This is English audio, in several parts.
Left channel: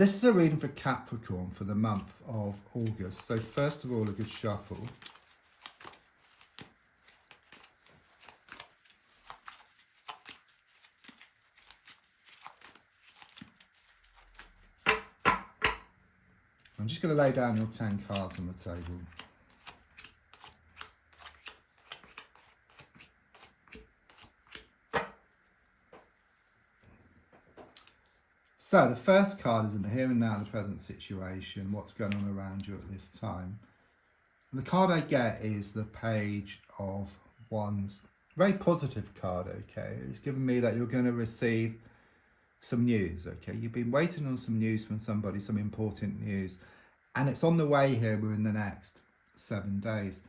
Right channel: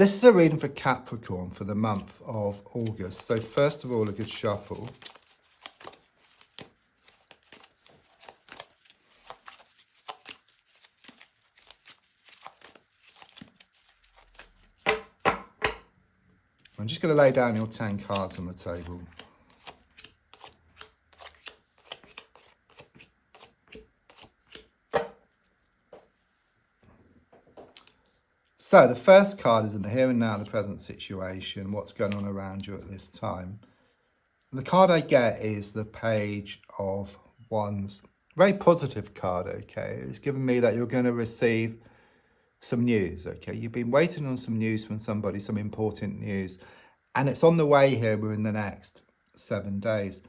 This is a reading for Capricorn for the month of August. So first of all, a good shuffle. I'm just going to lay down your 10 cards on the table. So the first card is in the here and now, the present situation, what's going on around you at this time. The card I get is the Page of Wands. Very positive card, okay? It's given me that you're going to receive some news, okay? You've been waiting on some news from somebody, some important news, and it's on the way here within the next 7 days.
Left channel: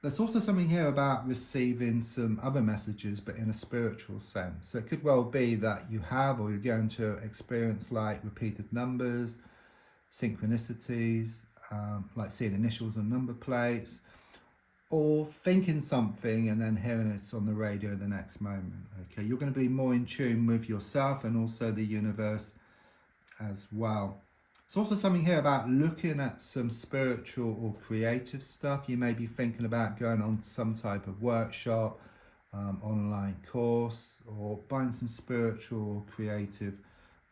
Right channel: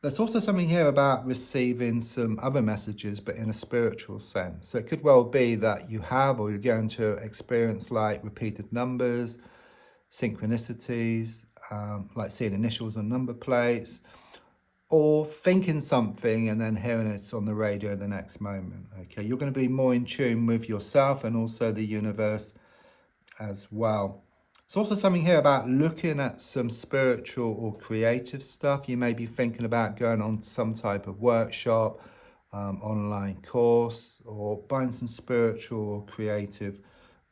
There's also something here about receiving some other messages, but in a spiritual sense. So it could well be that you have, or you're going to experience like repeated numbers, synchronicities, like seeing initials on number plates, or thinking something and then hearing it on the radio the next moment. Okay, you're going to be more in tune with yourself and also the universe as well. There's also something here about looking at some spiritual or creative stuff. You may be thinking about going on some type of workshop, online course, or buying some spiritual or creative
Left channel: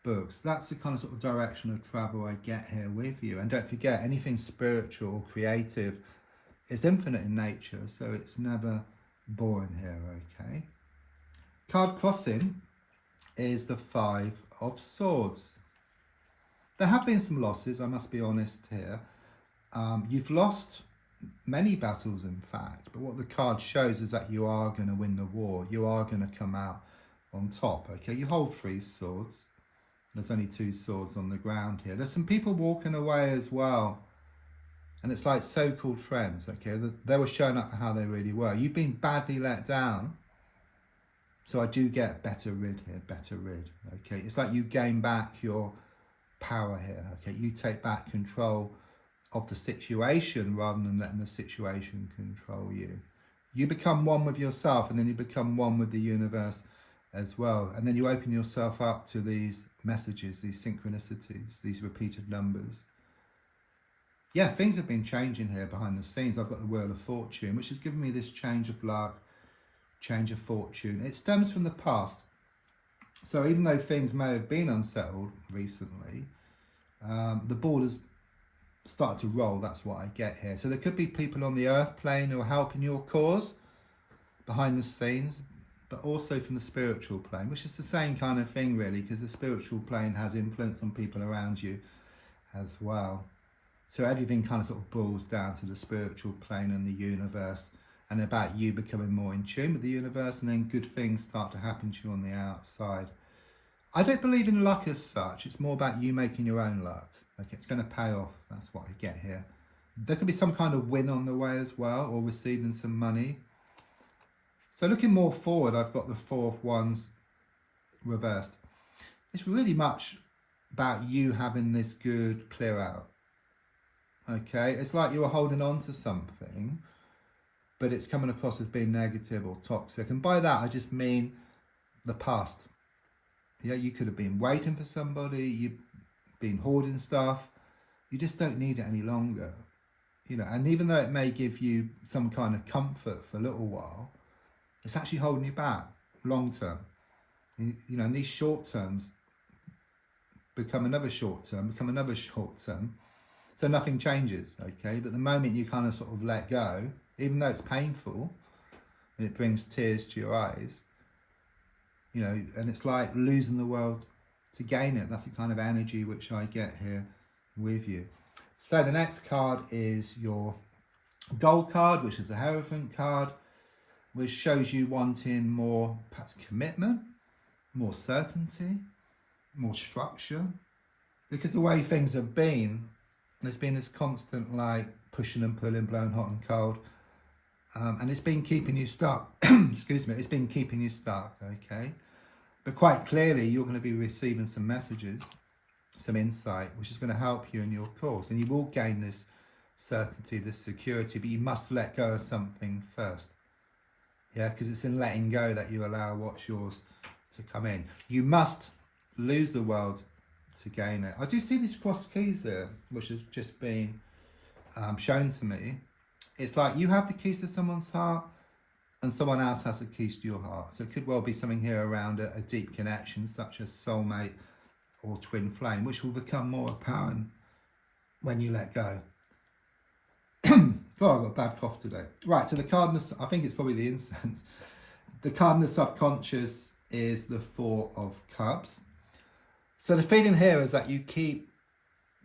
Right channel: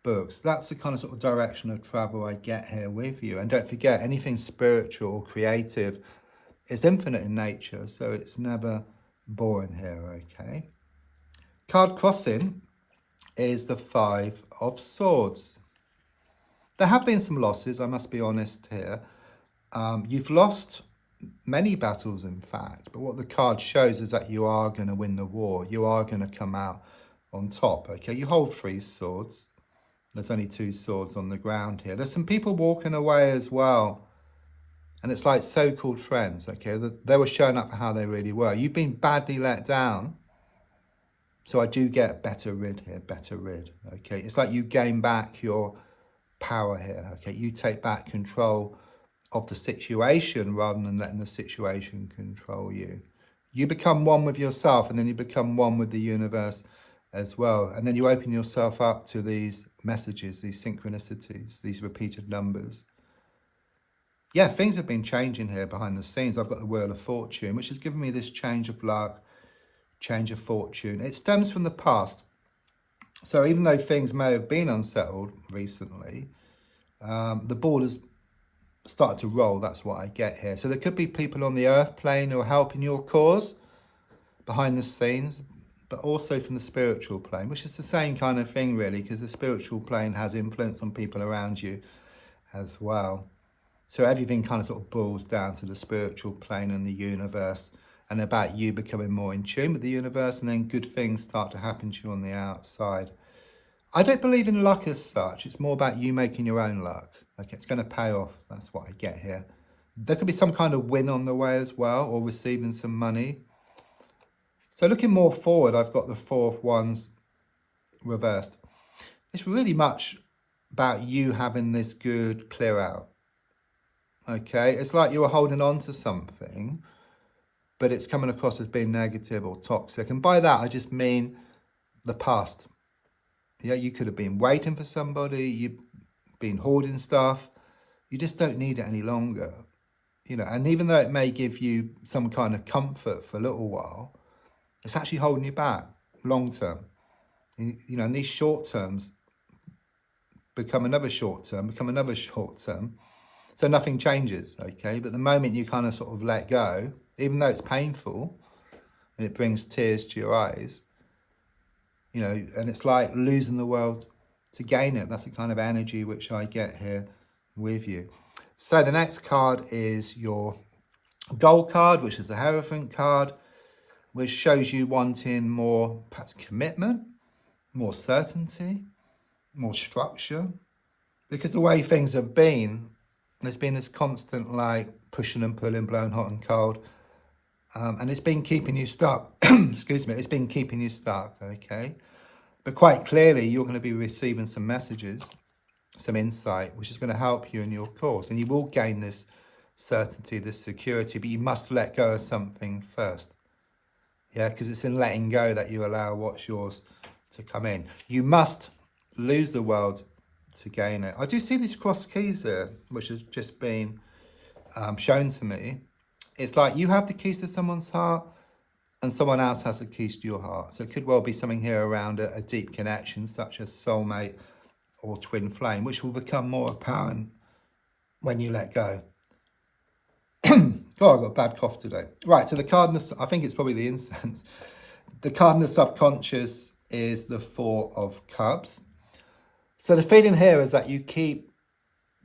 books. That's the kind of sort of direction of travel I get here with you. And don't forget, anything spiritual or creative is infinite in nature, so it's never boring here, okay? Card crossing is the Five of Swords. There have been some losses, I must be honest here. You've lost many battles, in fact, but what the card shows is that you are going to win the war. You are going to come out on top, okay? You hold 3 swords. There's only 2 swords on the ground here. There's some people walking away as well. And it's like so-called friends, okay? They were showing up for how they really were. You've been badly let down. So I do get better rid here, better rid, okay? It's like you gain back your power here, okay? You take back control of the situation rather than letting the situation control you. You become one with yourself, and then you become one with the universe as well. And then you open yourself up to these messages, these synchronicities, these repeated numbers. Yeah, things have been changing here behind the scenes. I've got the Wheel of Fortune, which has given me this change of luck, change of fortune. It stems from the past. So even though things may have been unsettled recently, the ball has started to roll. That's what I get here. So there could be people on the earth plane who are helping your cause behind the scenes, but also from the spiritual plane, which is the same kind of thing really, because the spiritual plane has influence on people around you as well. So everything kind of sort of boils down to the spiritual plane and the universe, and about you becoming more in tune with the universe, and then good things start to happen to you on the outside. I don't believe in luck as such. It's more about you making your own luck. Like, it's going to pay off. That's what I get here. There could be some kind of win on the way as well, or receiving some money. So looking more forward, I've got the Four of Wands reversed. It's really much about you having this good clear out. Okay, it's like you were holding on to something, but it's coming across as being negative or toxic. And by that, I just mean the past. Yeah, you could have been waiting for somebody, you've been hoarding stuff, you just don't need it any longer. You know, and even though it may give you some kind of comfort for a little while, it's actually holding you back long term. You know, and these short terms become another short term, become another short term. So nothing changes, okay? But the moment you kind of sort of let go, even though it's painful and it brings tears to your eyes, you know, and it's like losing the world to gain it. That's the kind of energy which I get here with you. So the next card is your Gold card, which is the Hierophant card, which shows you wanting more, perhaps, commitment, more certainty, more structure. Because the way things have been, there's been this constant like pushing and pulling, blowing hot and cold, and it's been keeping you stuck. Excuse me, it's been keeping you stuck, okay? But quite clearly, you're going to be receiving some messages, some insight, which is going to help you in your course, and you will gain this certainty, this security, but you must let go of something first. Yeah, because it's in letting go that you allow what's yours to come in. You must lose the world to gain it. I do see these cross keys here, which has just been shown to me. It's like you have the keys to someone's heart and someone else has the keys to your heart. So it could well be something here around a deep connection, such as soulmate or twin flame, which will become more apparent when you let go. Oh, I've got a bad cough today. Right, so the card, I think it's probably the incense. The card in the subconscious is the Four of Cups. So the feeling here is that you keep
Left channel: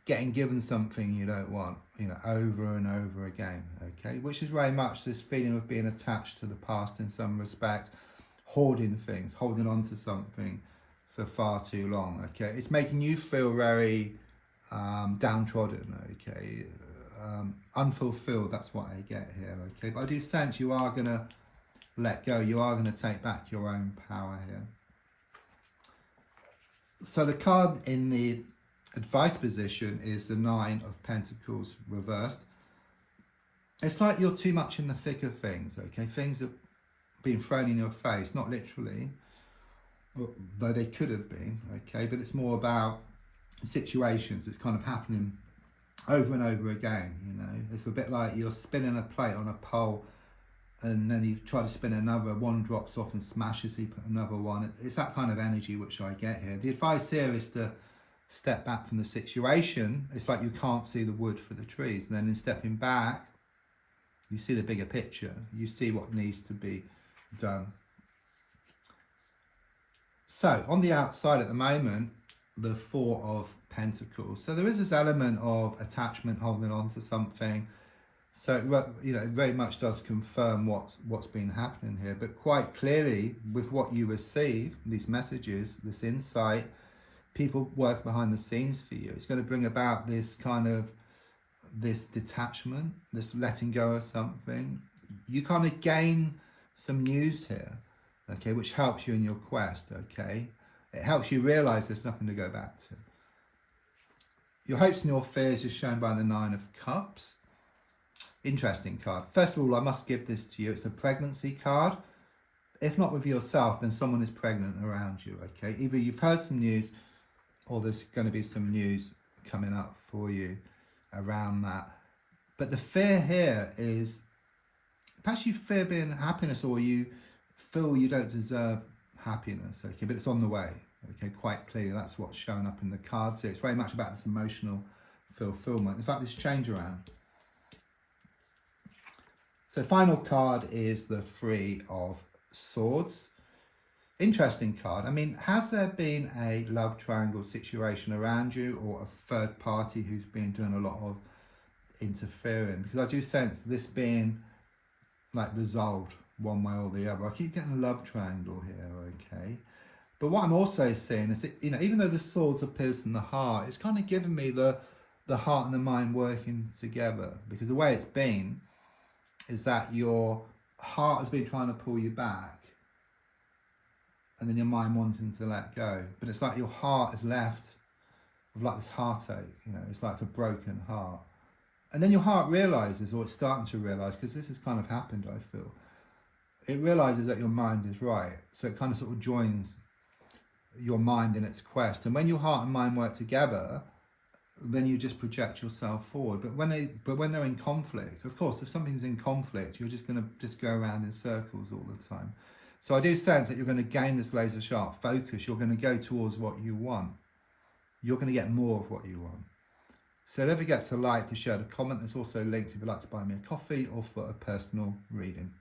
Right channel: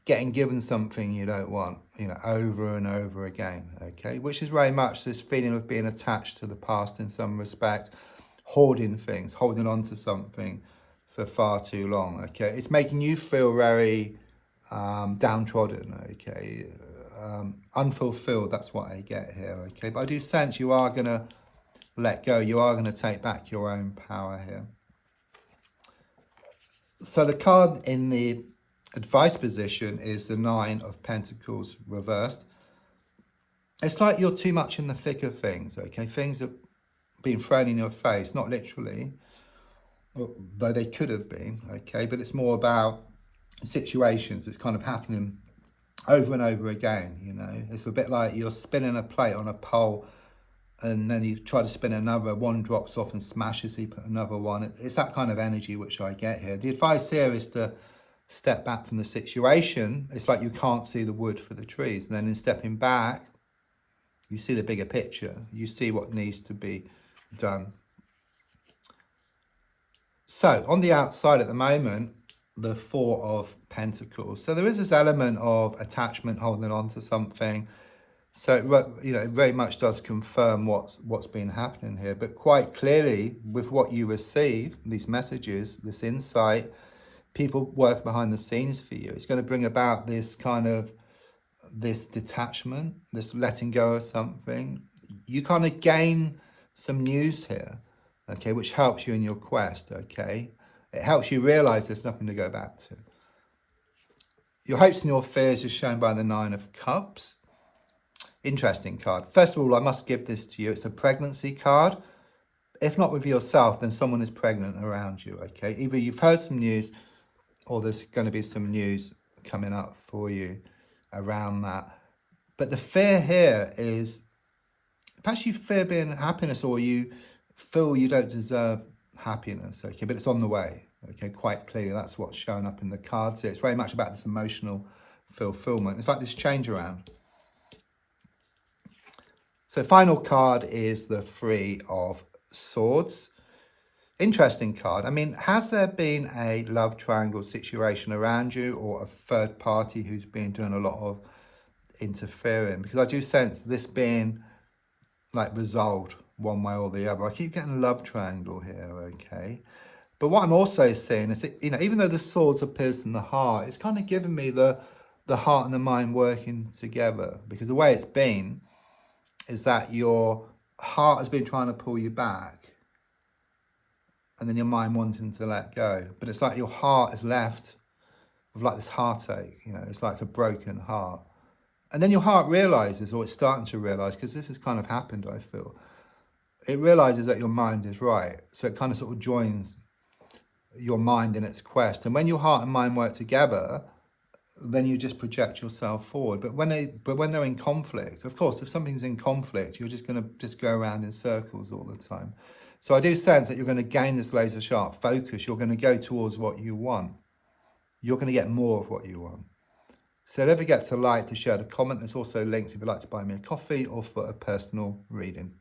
getting given something you don't want, over and over again, okay? Which is very much this feeling of being attached to the past in some respect, hoarding things, holding on to something for far too long, okay? It's making you feel very downtrodden, okay? Unfulfilled, that's what I get here, okay? But I do sense you are going to let go. You are going to take back your own power here. So the card in the advice position is the Nine of Pentacles reversed. It's like you're too much in the thick of things, okay? Things have been thrown in your face, not literally, though they could have been, okay? But it's more about situations that's kind of happening over and over again, It's a bit like you're spinning a plate on a pole and then you try to spin another, one drops off and smashes, so you put another one. It's that kind of energy which I get here. The advice here is to step back from the situation. It's like you can't see the wood for the trees. And then in stepping back, you see the bigger picture. You see what needs to be done. So on the outside at the moment, the Four of Pentacles. So there is this element of attachment, holding on to something. So it very much does confirm what's been happening here. But quite clearly, with what you receive, these messages, this insight, people work behind the scenes for you. It's going to bring about this this detachment, this letting go of something. You kind of gain some news here, okay, which helps you in your quest, okay? It helps you realize there's nothing to go back to. Your hopes and your fears are shown by the Nine of Cups. Interesting card. First of all, I must give this to you. It's a pregnancy card. If not with yourself, then someone is pregnant around you, okay? Either you've heard some news or there's going to be some news coming up for you around that. But the fear here is, perhaps you fear being happiness, or you feel you don't deserve happiness, okay? But it's on the way, okay? Quite clearly, that's what's showing up in the cards here. It's very much about this emotional fulfillment. It's like this change around. So final card is the Three of Swords. Interesting card. I mean, has there been a love triangle situation around you, or a third party who's been doing a lot of interfering? Because I do sense this being like resolved one way or the other. I keep getting a love triangle here, okay? But what I'm also seeing is that, even though the swords appears in the heart, it's kind of giving me the heart and the mind working together. Because the way it's been is that your heart has been trying to pull you back, and then your mind wanting to let go. But it's like your heart is left with like this heartache, it's like a broken heart. And then your heart realizes, or it's starting to realize, because this has kind of happened, I feel. It realizes that your mind is right. So it kind of sort of joins your mind in its quest. And when your heart and mind work together, then you just project yourself forward. But when they're in conflict, of course, if something's in conflict, you're just going to just go around in circles all the time. So I do sense that you're going to gain this laser sharp focus. You're going to go towards what you want. You're going to get more of what you want. So don't forget to like, to share, to comment. There's also links if you'd like to buy me a coffee or for a personal reading.